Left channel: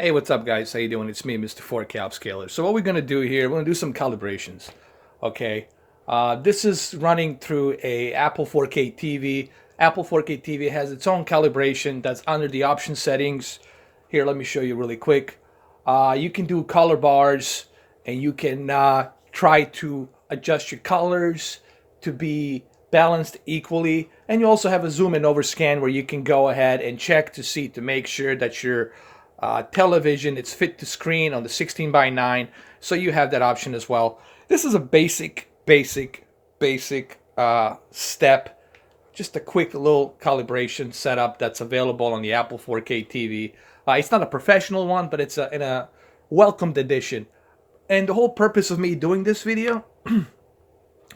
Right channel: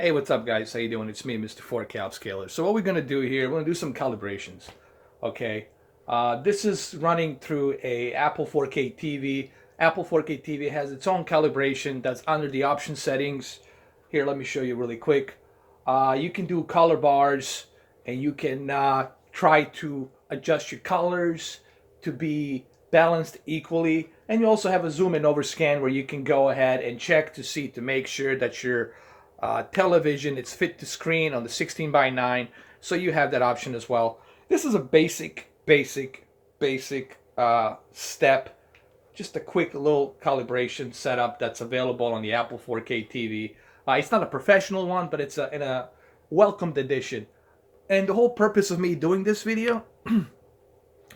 Hey, what's up, guys? How you doing? It's me, Mr. 4K Upscaler. So what we're gonna do here, we're gonna do some calibrations. Okay, this is running through a Apple 4K TV. Apple 4K TV has its own calibration that's under the option settings. Here, let me show you really quick. You can do color bars, and you can try to adjust your colors to be balanced equally. And you also have a zoom and over scan where you can go ahead and check to see to make sure that your television it's fit to screen on the 16 by 9. So you have that option as well. This is a basic step, just a quick little calibration setup that's available on the Apple 4K TV. It's not a professional one, but it's in a welcomed edition. And the whole purpose of me doing this video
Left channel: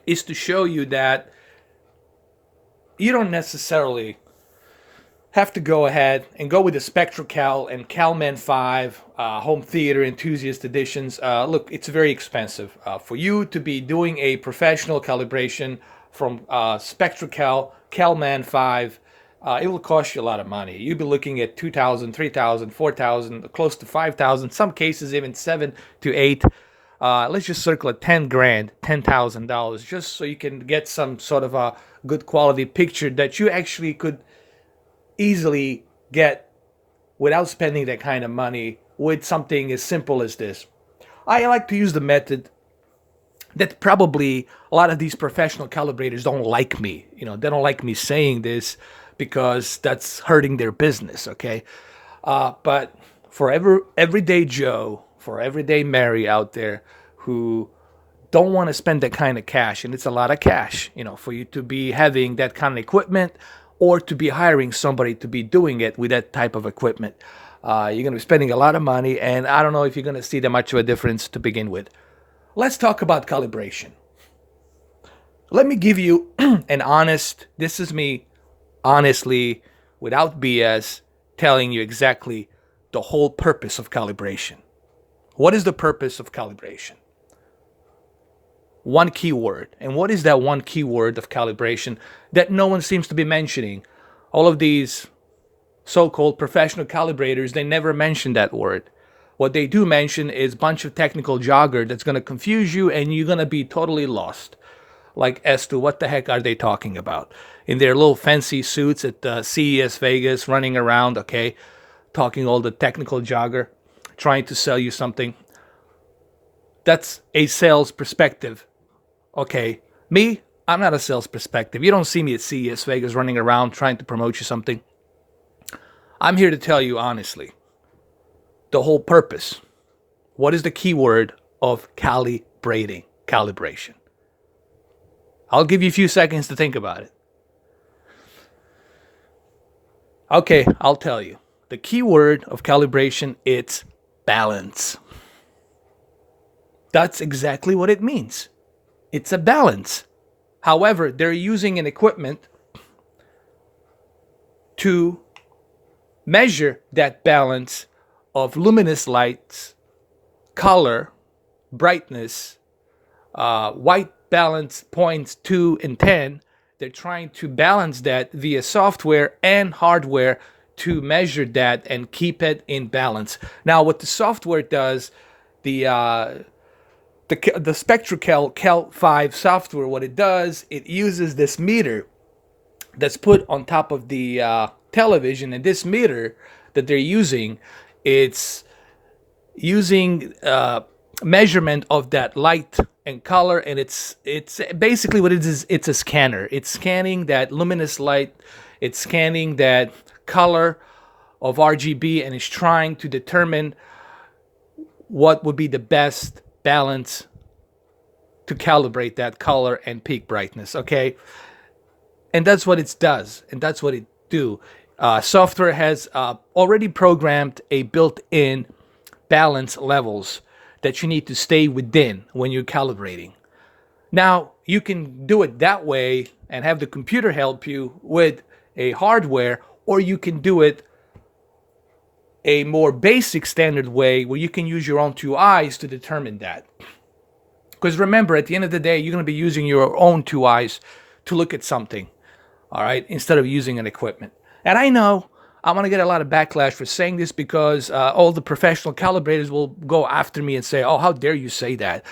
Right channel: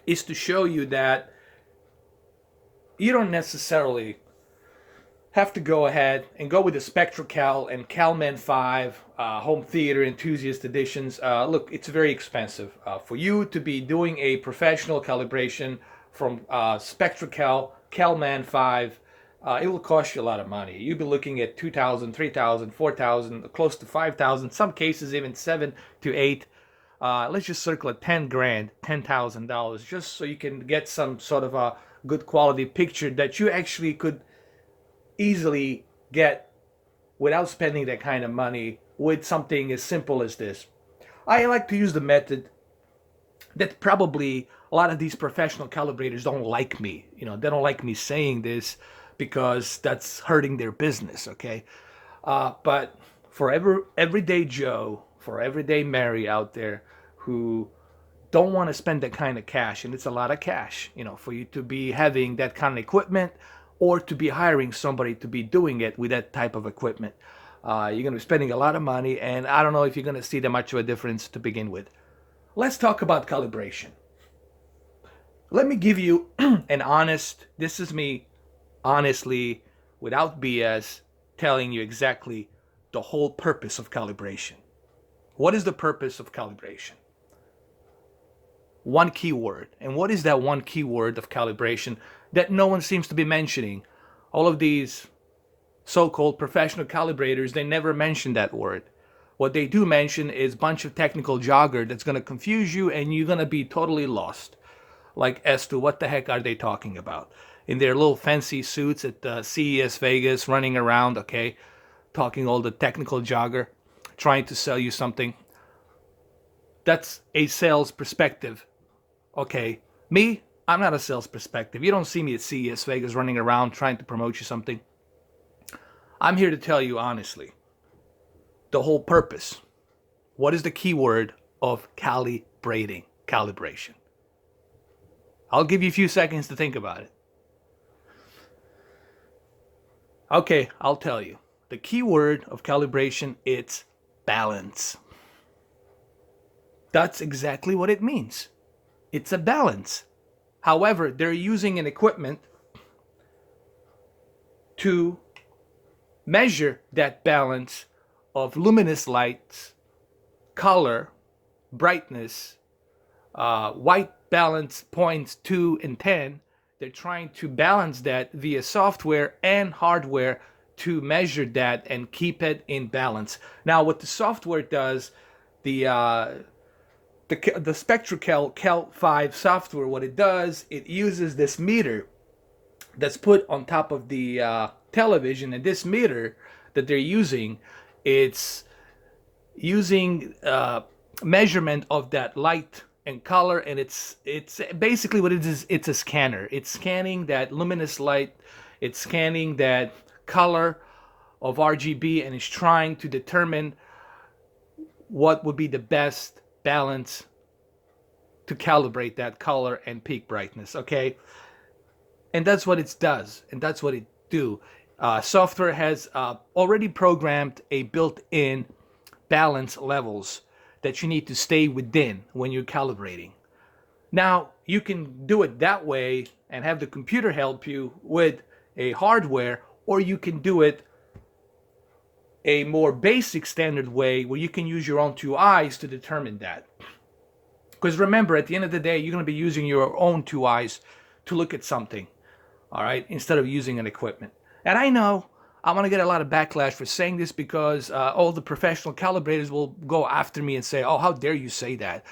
is to show you that you don't necessarily have to go ahead and go with the SpectraCal and CalMan 5 home theater enthusiast editions. Look, it's very expensive. For you to be doing a professional calibration from SpectraCal, CalMan 5, it will cost you a lot of money. You'll be looking at 2,000, 3,000, 4,000, close to 5,000, some cases even 7 to 8. Let's just circle at 10 grand, $10,000, just so you can get some sort of a good quality picture that you actually could easily get without spending that kind of money with something as simple as this. I like to use the method that probably a lot of these professional calibrators don't like me. They don't like me saying this because that's hurting their business, okay? But for everyday Joe, for everyday Mary out there who don't want to spend that kind of cash, and it's a lot of cash, for you to be having that kind of equipment or to be hiring somebody to be doing it with that type of equipment. You're going to be spending a lot of money, and I don't know if you're going to see that much of a difference to begin with. Let's talk about calibration. Let me give you this is me honestly, without BS, telling you exactly the whole purpose of calibration. What is the purpose of calibration? One keyword. And what is that one keyword of calibration that no one seems to be mentioning? All of these so-called professional calibrators, they never mention that word. What they do mention is a bunch of technical jargon that's going to confuse you and you're going to be totally lost. Like as to what the heck are they talking about? In their little fancy suits at CES Vegas, running around, okay, talking all the technical jargon, trying to sell you something. That's a sales perspective. Okay, me, I'm not a sales perspective. You don't see me at CES Vegas running around trying to promote you something. I'm here to tell you honestly the whole purpose. What is the keyword of calibration? I'll give you a few seconds to think about it. Okay, I'll tell you. The keyword of calibration, it's balance. That's exactly what it means. It's a balance. However, they're using an equipment to measure that balance of luminous lights, color, brightness, white balance points 2 and 10. They're trying to balance that via software and hardware to measure that and keep it in balance. Now, what the software does, the SpectraCal Cal 5 software, what it does, it uses this meter that's put on top of the television, and this meter that they're using, it's using measurement of that light and color, and it's basically what it is. It's a scanner. It's scanning that luminous light. It's scanning that color of RGB, and it's trying to determine what would be the best balance to calibrate that color and peak brightness. Okay, and that's what it does, and that's what it do. Software has already programmed a built-in balance levels that you need to stay within when you're calibrating. Now, you can do it that way and have the computer help you with a hardware, or you can do it a more basic standard way where you can use your own two eyes to determine that. Because remember, at the end of the day, you're going to be using your own two eyes to look at something, all right, instead of using an equipment. And I know I'm going to get a lot of backlash for saying this because all the professional calibrators will go after me and say, oh, how dare you say that?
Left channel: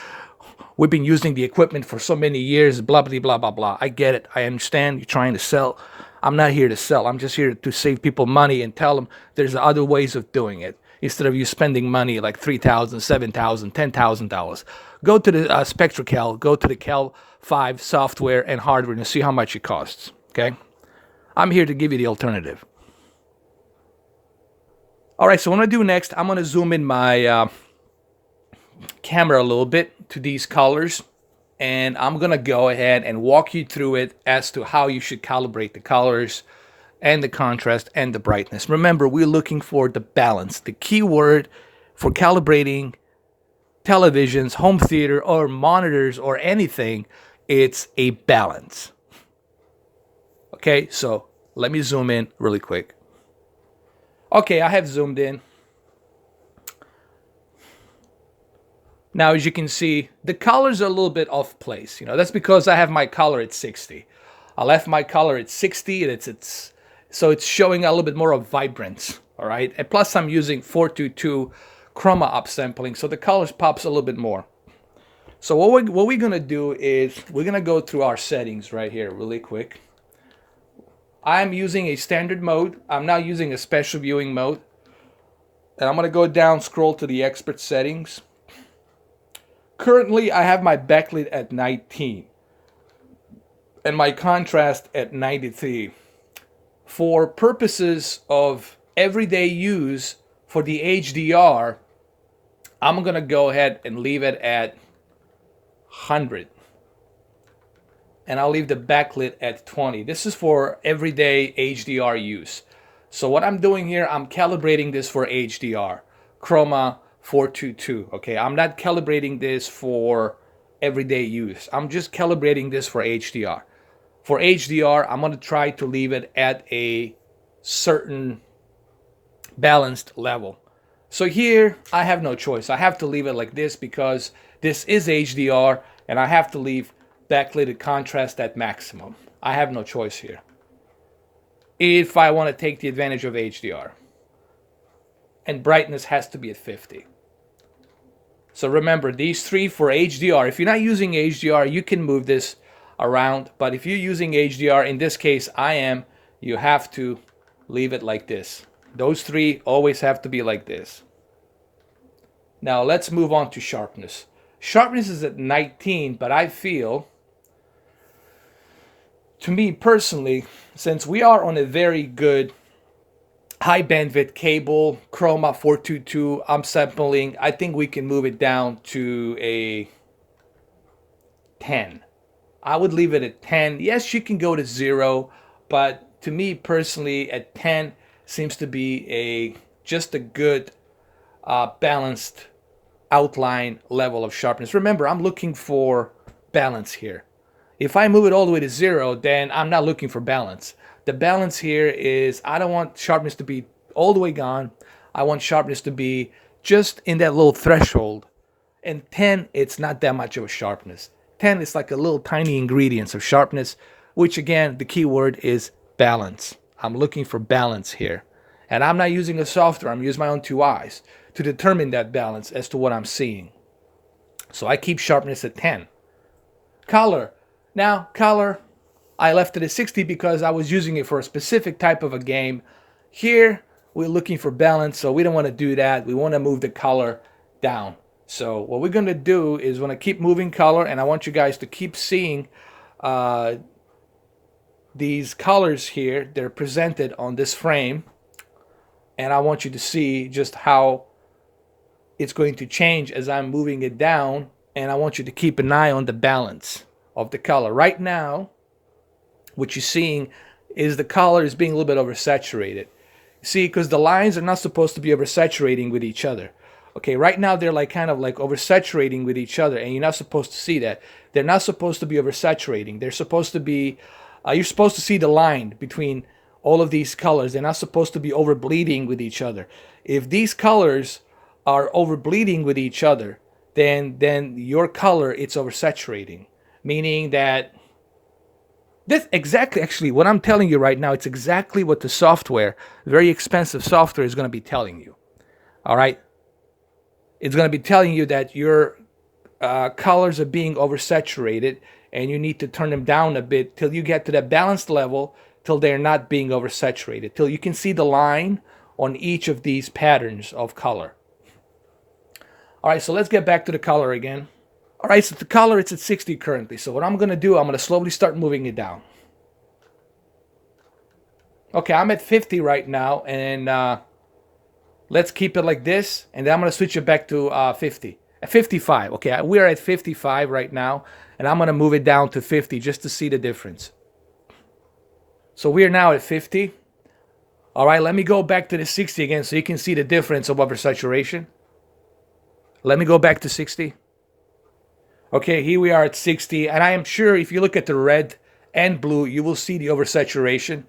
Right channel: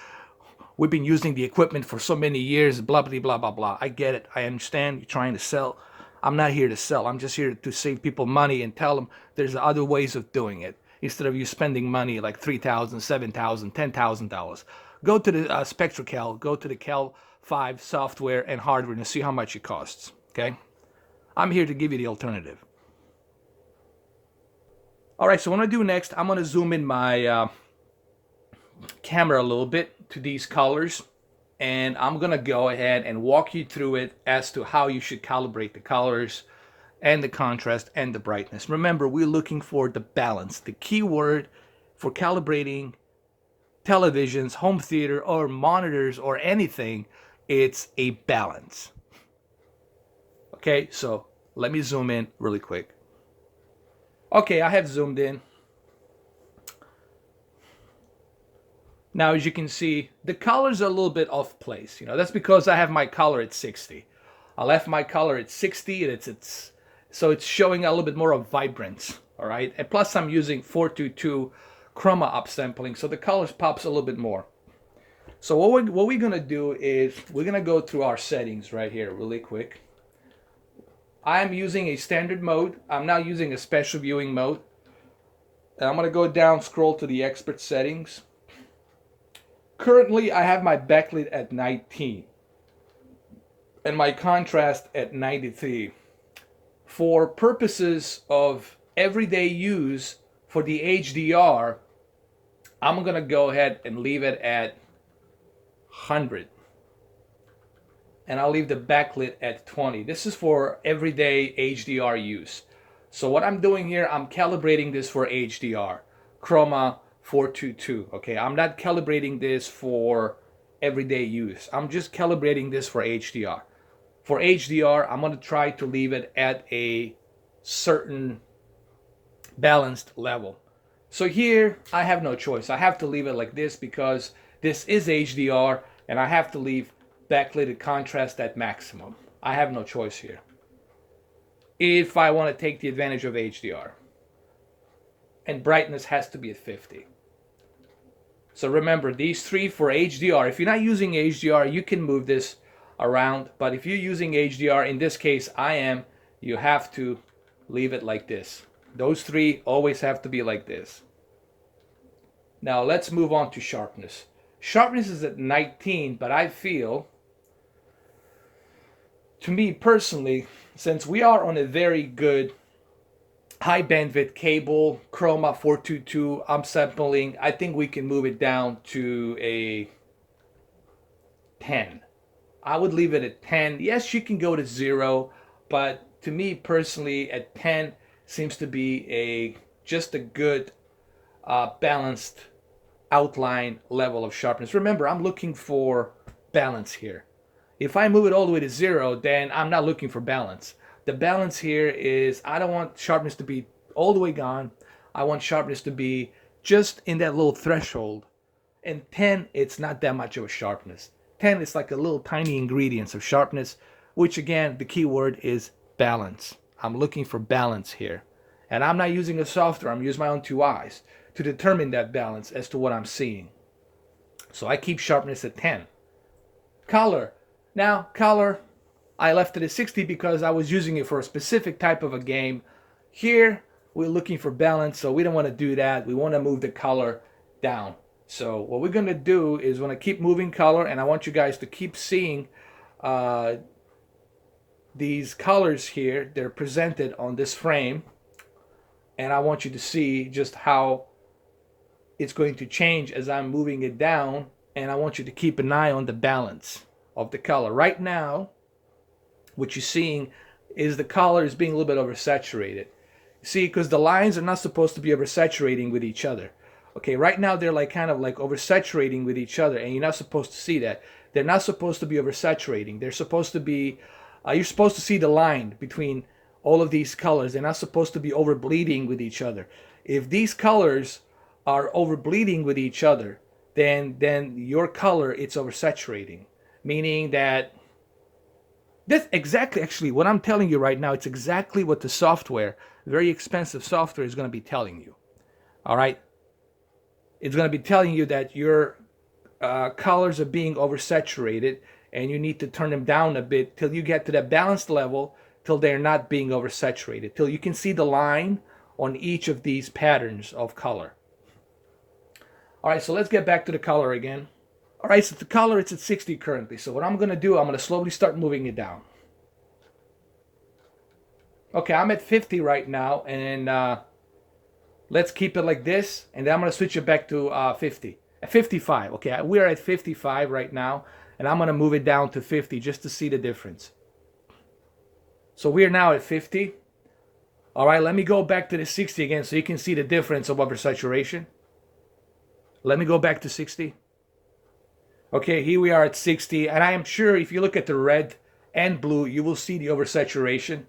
We've been using the equipment for so many years, blah, blah, blah, blah, blah. I get it. I understand you're trying to sell. I'm not here to sell. I'm just here to save people money and tell them there's other ways of doing it. Instead of you spending money like $3,000, $7,000, $10,000. Go to the SpectraCal, go to the Cal 5 software and hardware and see how much it costs, okay? I'm here to give you the alternative. All right, so what I'm going to do next, I'm going to zoom in my camera a little bit to these colors, and I'm going to go ahead and walk you through it as to how you should calibrate the colors and the contrast and the brightness. Remember, we're looking for the balance. The key word for calibrating televisions, home theater, or monitors, or anything, it's a balance. Okay, so let me zoom in really quick. Okay, I have zoomed in. Now, as you can see, the colors are a little bit off place. That's because I have my color at 60. I left my color at 60, and so it's showing a little bit more of vibrance, all right? And plus, I'm using 422 chroma upsampling, so the colors pops a little bit more. So what we're going to do is we're going to go through our settings right here really quick. I'm using a standard mode. I'm not using a special viewing mode. And I'm going to go down, scroll to the expert settings. Currently, I have my backlit at 19 and my contrast at 93. For purposes of everyday use for the HDR, I'm going to go ahead and leave it at 100. And I'll leave the backlit at 20. This is for everyday HDR use. So what I'm doing here, I'm calibrating this for HDR, chroma 422. Okay, I'm not calibrating this for everyday use. I'm just calibrating this for HDR. For HDR, I'm going to try to leave it at a certain balanced level. So here, I have no choice. I have to leave it like this because this is HDR, and I have to leave backlit contrast at maximum. I have no choice here if I want to take the advantage of HDR. And brightness has to be at 50. So remember, these three for HDR. If you're not using HDR, you can move this around. But if you're using HDR, in this case I am, you have to leave it like this. Those three always have to be like this. Now let's move on to sharpness. Sharpness is at 19, but I feel, to me personally, since we are on a very good high bandwidth cable, chroma 422 upsampling, I think we can move it down to a 10. I would leave it at 10. Yes, you can go to 0, but to me personally, at 10 seems to be just a good balanced outline level of sharpness. Remember, I'm looking for balance here. If I move it all the way to 0, then I'm not looking for balance. The balance here is I don't want sharpness to be all the way gone. I want sharpness to be just in that little threshold. And 10, it's not that much of a sharpness. 10 is like a little tiny ingredients of sharpness, which again, the key word is balance. I'm looking for balance here. And I'm not using a software, I'm using my own two eyes to determine that balance as to what I'm seeing. So I keep sharpness at 10. Color. Now, color, I left it at 60 because I was using it for a specific type of a game. Here, we're looking for balance, so we don't want to do that. We want to move the color down. So what we're going to do is we're going to keep moving color, and I want you guys to keep seeing these colors here. They're presented on this frame, and I want you to see just how it's going to change as I'm moving it down, and I want you to keep an eye on the balance of the color. Right now, what you're seeing is the color is being a little bit oversaturated. See, because the lines are not supposed to be oversaturating with each other. Okay, right now they're like kind of like oversaturating with each other, and you're not supposed to see that. They're not supposed to be oversaturating. They're supposed to be, you're supposed to see the line between all of these colors. They're not supposed to be overbleeding with each other. If these colors are overbleeding with each other, then your color, it's oversaturating. Meaning that This exactly, actually, what I'm telling you right now, it's exactly what the software, very expensive software, is going to be telling you. All right? It's going to be telling you that your colors are being oversaturated and you need to turn them down a bit till you get to that balanced level, till they're not being oversaturated, till you can see the line on each of these patterns of color. All right, so let's get back to the color again. All right, so the color, it's at 60 currently. So what I'm going to do, I'm going to slowly start moving it down. Okay, I'm at 50 right now, and let's keep it like this, and then I'm going to switch it back to 50. At 55, okay, we're at 55 right now, and I'm going to move it down to 50 just to see the difference. So we're now at 50. All right, let me go back to the 60 again so you can see the difference of oversaturation. Let me go back to 60. Okay, here we are at 60, and I am sure if you look at the red and blue, you will see the oversaturation.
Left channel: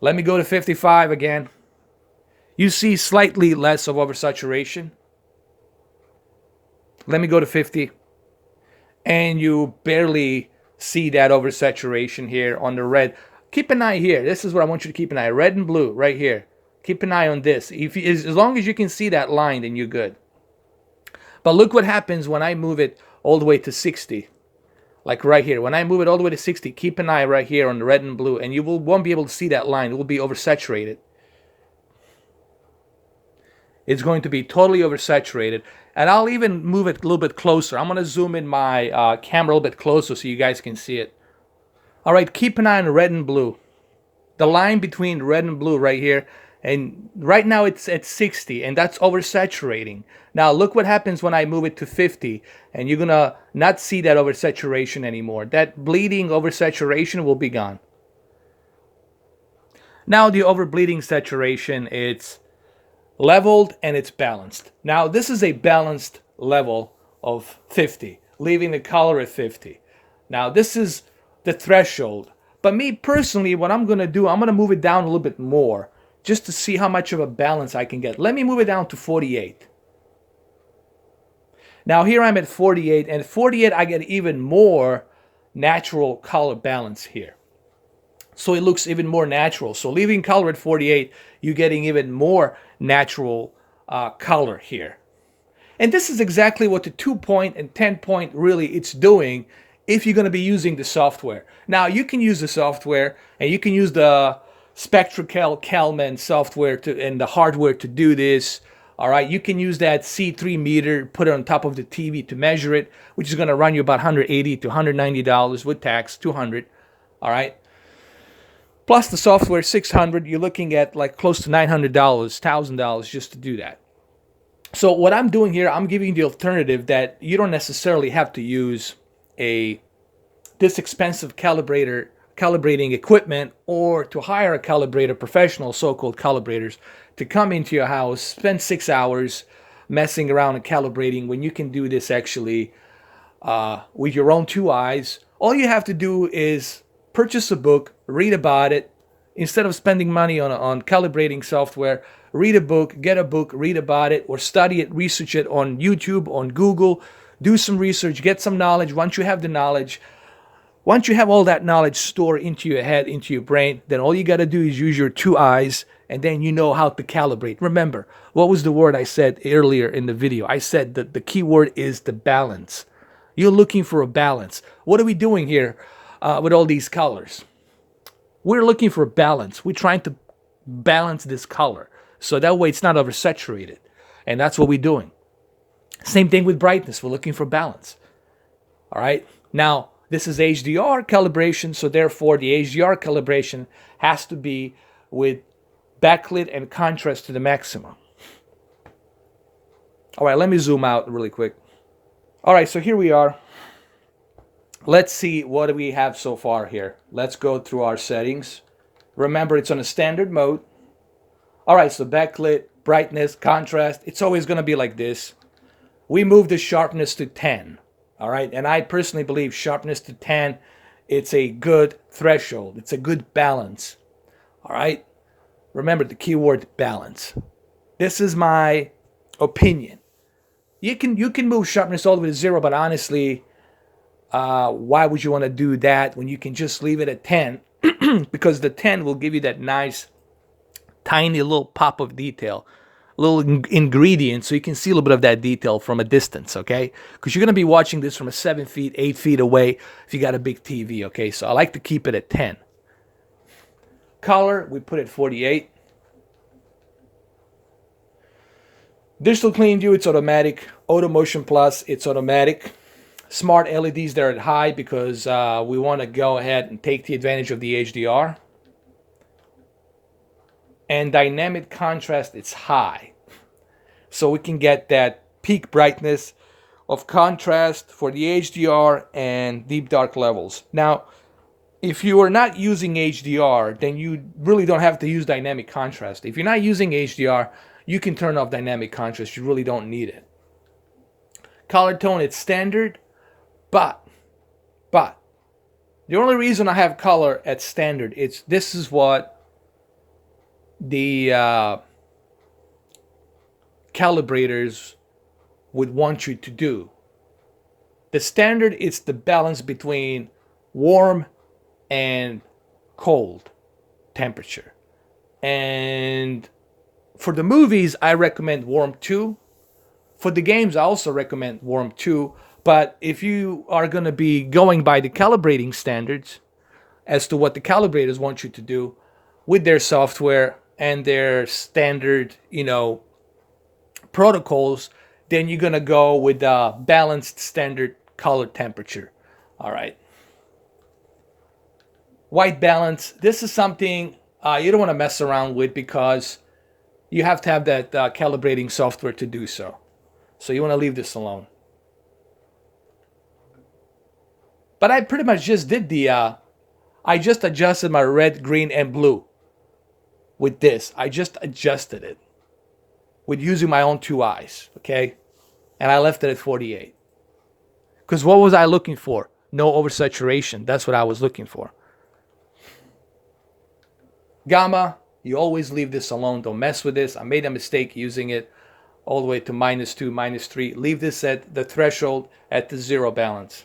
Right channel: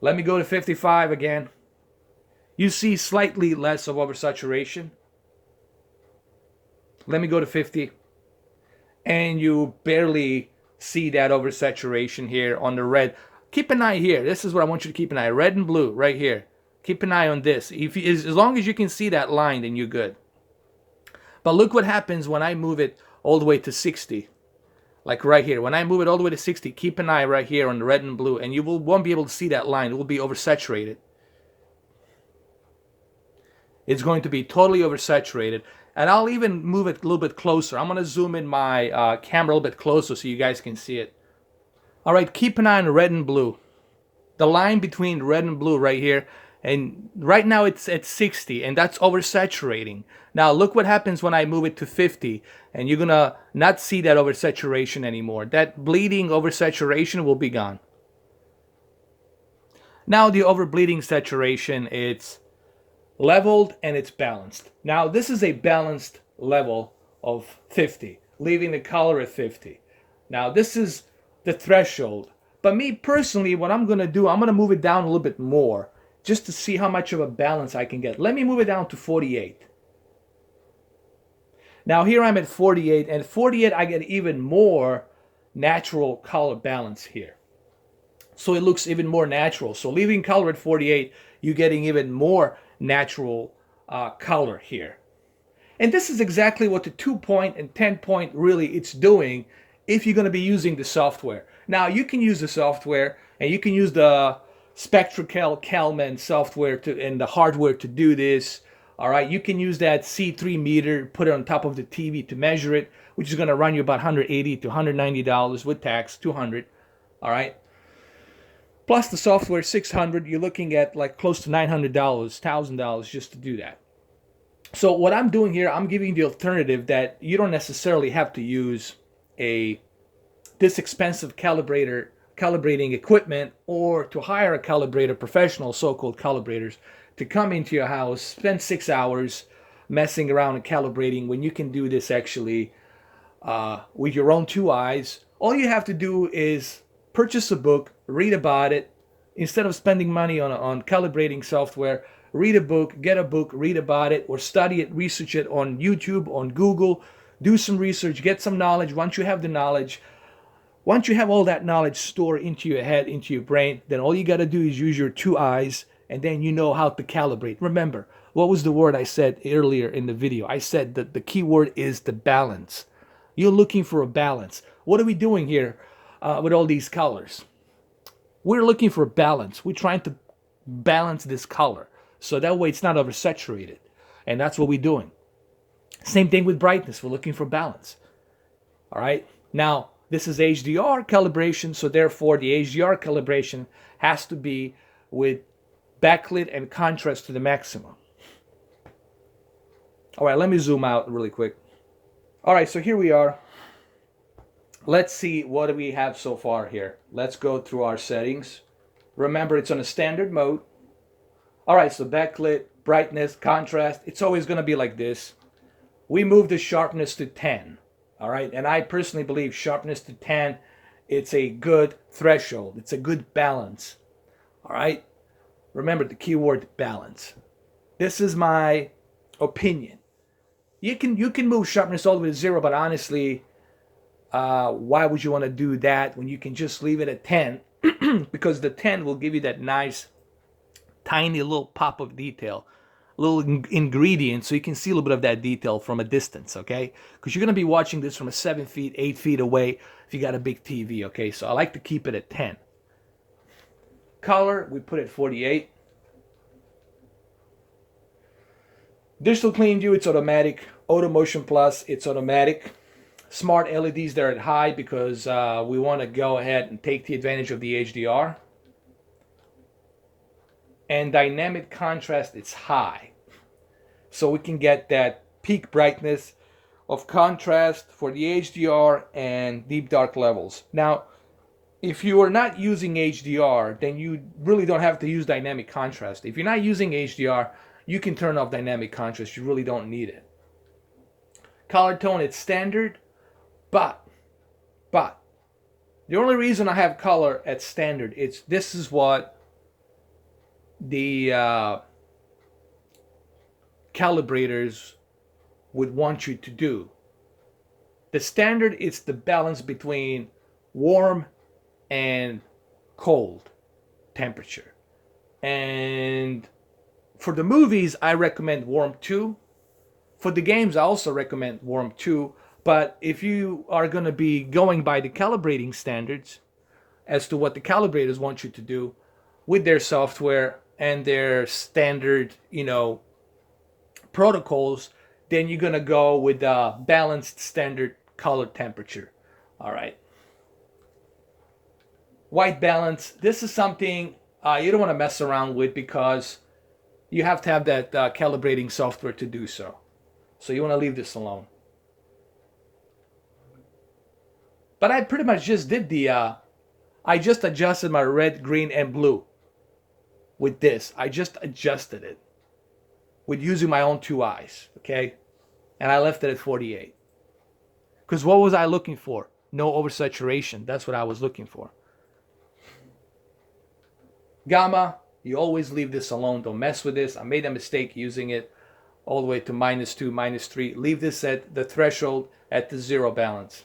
Let me go to 55 again. You see slightly less of oversaturation. Let me go to 50. And you barely see that oversaturation here on the red. Keep an eye here. This is what I want you to keep an eye. Red and blue right here. Keep an eye on this. As long as you can see that line, then you're good. But look what happens when I move it all the way to 60. Like right here. When I move it all the way to 60, keep an eye right here on the red and blue, and you won't be able to see that line. It will be oversaturated. It's going to be totally oversaturated. And I'll even move it a little bit closer. I'm going to zoom in my camera a little bit closer so you guys can see it. All right, keep an eye on red and blue. The line between red and blue right here. And right now it's at 60, and that's oversaturating. Now look what happens when I move it to 50, and you're going to not see that oversaturation anymore. That bleeding oversaturation will be gone. Now the overbleeding saturation, it's leveled and it's balanced. Now this is a balanced level of 50, leaving the color at 50. Now this is the threshold. But me personally, what I'm going to do, I'm going to move it down a little bit more just to see how much of a balance I can get. Let me move it down to 48. Now here I'm at 48, and 48 I get even more natural color balance here. So it looks even more natural. So leaving color at 48, you're getting even more natural color here. And this is exactly what the 2-point and 10-point really it's doing if you're going to be using the software. Now you can use the software, and you can use the SpectraCal Calman software and the hardware to do this. All right, you can use that C3 meter, put it on top of the TV to measure it, which is going to run you about $180 to $190 with tax, $200. All right. Plus the software, $600. You're looking at like close to $900, $1,000 just to do that. So what I'm doing here, I'm giving the alternative that you don't necessarily have to use this expensive calibrating equipment, or to hire a calibrator, professional so-called calibrators, to come into your house, spend 6 hours messing around and calibrating, when you can do this actually with your own two eyes. All you have to do is purchase a book, read about it. Instead of spending money on calibrating software, read a book, get a book, read about it, or study it, research it on YouTube, on Google. Do some research, get some knowledge. Once you have the knowledge, once you have all that knowledge stored into your head, into your brain, then all you got to do is use your two eyes, and then you know how to calibrate. Remember, what was the word I said earlier in the video? I said that the key word is the balance. You're looking for a balance. What are we doing here with all these colors? We're looking for a balance. We're trying to balance this color, so that way it's not oversaturated. And that's what we're doing. Same thing with brightness. We're looking for balance. All right. Now, this is HDR calibration, so therefore the HDR calibration has to be with backlit and contrast to the maximum. All right, let me zoom out really quick. All right, so here we are. Let's see what we have so far here. Let's go through our settings. Remember, it's on a standard mode. All right, so backlit, brightness, contrast, it's always going to be like this. We move the sharpness to 10. All right, and I personally believe sharpness to 10, it's a good threshold. It's a good balance. All right, remember the keyword balance. This is my opinion. You can move sharpness all the way to 0, but honestly, Why would you want to do that when you can just leave it at 10? Because the 10 will give you that nice, tiny little pop of detail, little ingredient, so you can see a little bit of that detail from a distance, okay? Because you're going to be watching this from a 7 feet, 8 feet away if you got a big TV, okay? So I like to keep it at 10. Color, we put it 48. Digital clean view, it's automatic. Auto motion plus, it's automatic. Smart LEDs, they're at high because we want to go ahead and take the advantage of the HDR. And dynamic contrast, it's high. So we can get that peak brightness of contrast for the HDR and deep dark levels. Now, if you are not using HDR, then you really don't have to use dynamic contrast. If you're not using HDR, you can turn off dynamic contrast. You really don't need it. Color tone, it's standard, but the only reason I have color at standard, this is what the calibrators would want you to do. The standard is the balance between warm and cold temperature. And for the movies, I recommend warm 2. For the games, I also recommend warm 2. But if you are going to be going by the calibrating standards as to what the calibrators want you to do with their software and their standard, protocols, then you're going to go with a balanced standard color temperature. All right. White balance. This is something you don't want to mess around with because you have to have that calibrating software to do so. So you want to leave this alone. But I pretty much just did I just adjusted my red, green, and blue with this. I just adjusted it with using my own 2 eyes, okay? And I left it at 48. Because what was I looking for? No oversaturation. That's what I was looking for. Gamma, you always leave this alone. Don't mess with this. I made a mistake using it all the way to -2, -3. Leave this at the threshold at the 0 balance.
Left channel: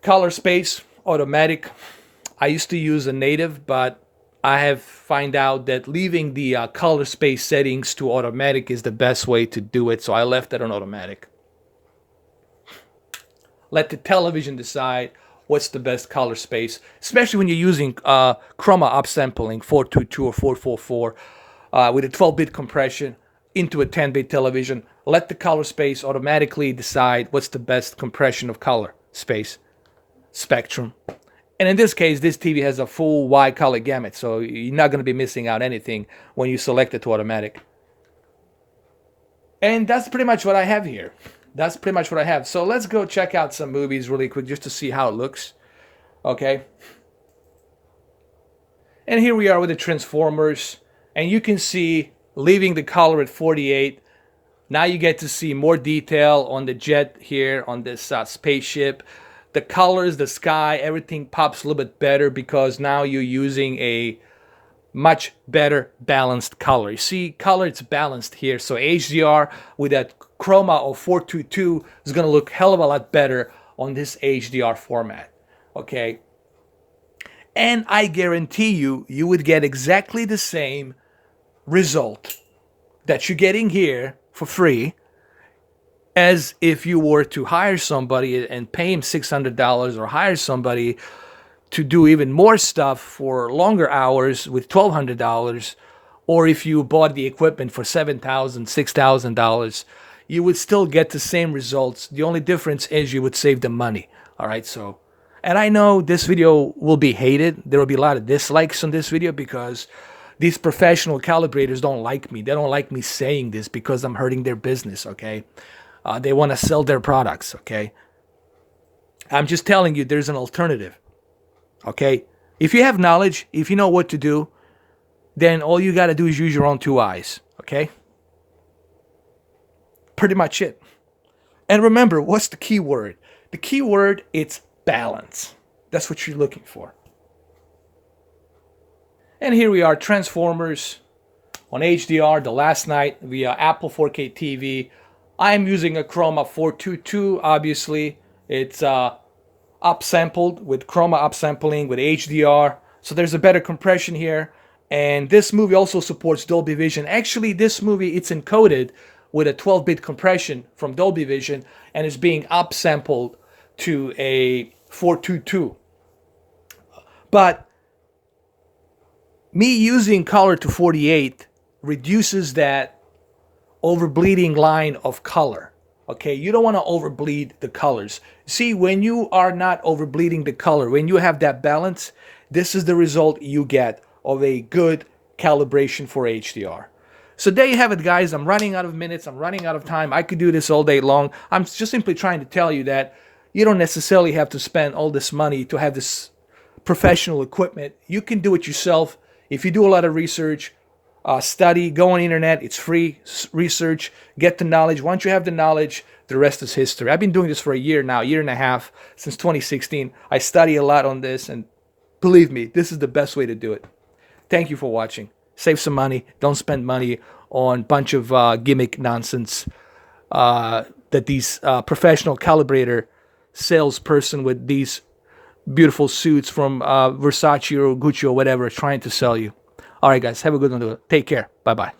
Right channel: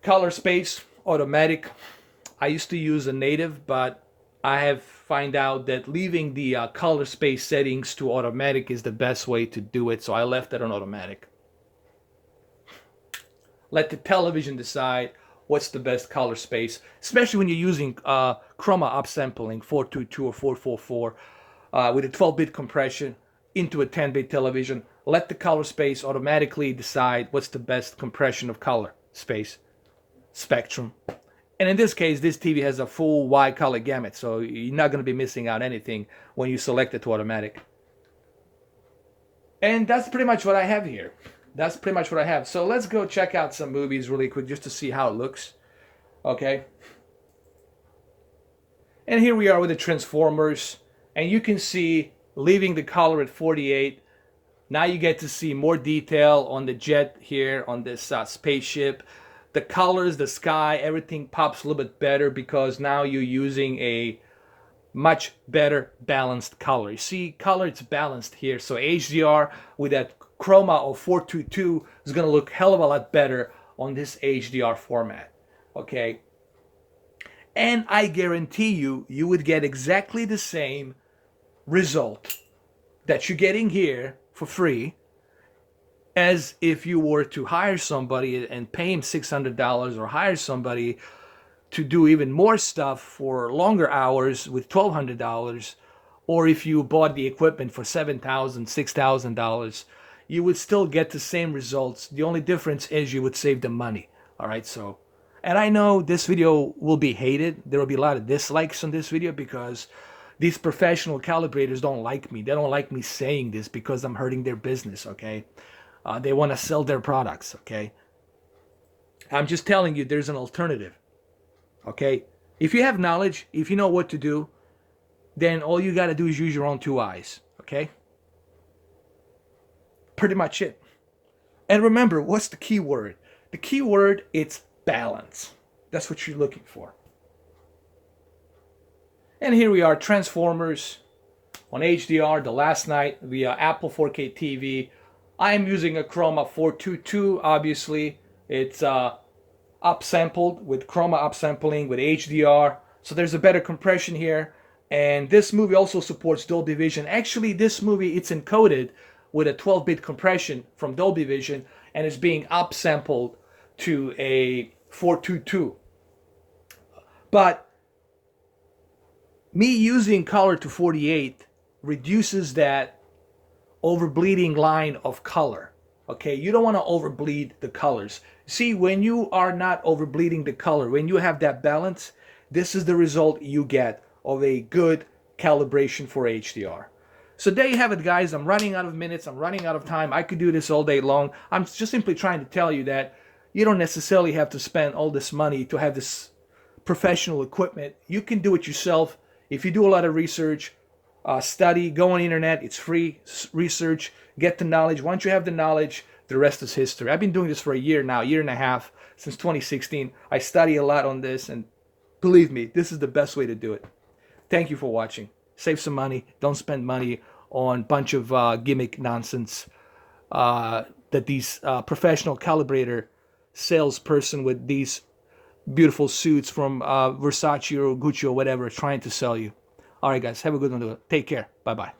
Color space, automatic. I used to use a native, but I have found out that leaving the color space settings to automatic is the best way to do it, so I left it on automatic. Let the television decide what's the best color space, especially when you're using chroma upsampling 422 or 444 with a 12-bit compression into a 10-bit television. Let the color space automatically decide what's the best compression of color space spectrum. And in this case, this TV has a full wide color gamut, so you're not going to be missing out anything when you select it to automatic. And that's pretty much what I have here. That's pretty much what I have. So let's go check out some movies really quick just to see how it looks. Okay. And here we are with the Transformers. And you can see, leaving the color at 48, now you get to see more detail on the jet here, on this spaceship. The colors, the sky, everything pops a little bit better because now you're using a much better balanced color. You see, color, it's balanced here. So HDR with that chroma of 422 is going to look hell of a lot better on this HDR format. Okay. And I guarantee you, you would get exactly the same result that you're getting here for free as if you were to hire somebody and pay him $600 or hire somebody to do even more stuff for longer hours with $1,200, or if you bought the equipment for $7,000, $6,000, you would still get the same results. The only difference is you would save the money. All right, so, and I know this video will be hated. There will be a lot of dislikes on this video because these professional calibrators don't like me. They don't like me saying this because I'm hurting their business, okay? They want to sell their products, okay? I'm just telling you there's an alternative, okay? If you have knowledge, if you know what to do, then all you got to do is use your own 2 eyes, okay? Pretty much it. And remember, what's the key word? The key word, it's balance. That's what you're looking for. And here we are, Transformers on HDR, the last night via Apple 4K TV. I'm using a Chroma 422. Obviously, it's upsampled with Chroma upsampling with HDR. So there's a better compression here. And this movie also supports Dolby Vision. Actually, this movie, it's encoded with a 12-bit compression from Dolby Vision and is being upsampled to a 422. But me using color to 48 reduces that overbleeding line of color. Okay, you don't want to overbleed the colors. See, when you are not overbleeding the color, when you have that balance, this is the result you get of a good calibration for HDR. So there you have it, guys. I'm running out of minutes. I'm running out of time. I could do this all day long. I'm just simply trying to tell you that you don't necessarily have to spend all this money to have this professional equipment. You can do it yourself. If you do a lot of research, study, go on the internet. It's free. Research, get the knowledge. Once you have the knowledge, the rest is history. I've been doing this for a year now, year and a half, since 2016. I study a lot on this, and believe me, this is the best way to do it. Thank you for watching. Save some money. Don't spend money on a bunch of gimmick nonsense that these professional calibrator salesperson with these beautiful suits from Versace or Gucci or whatever is trying to sell you. All right, guys, have a good one. Take care. Bye-bye.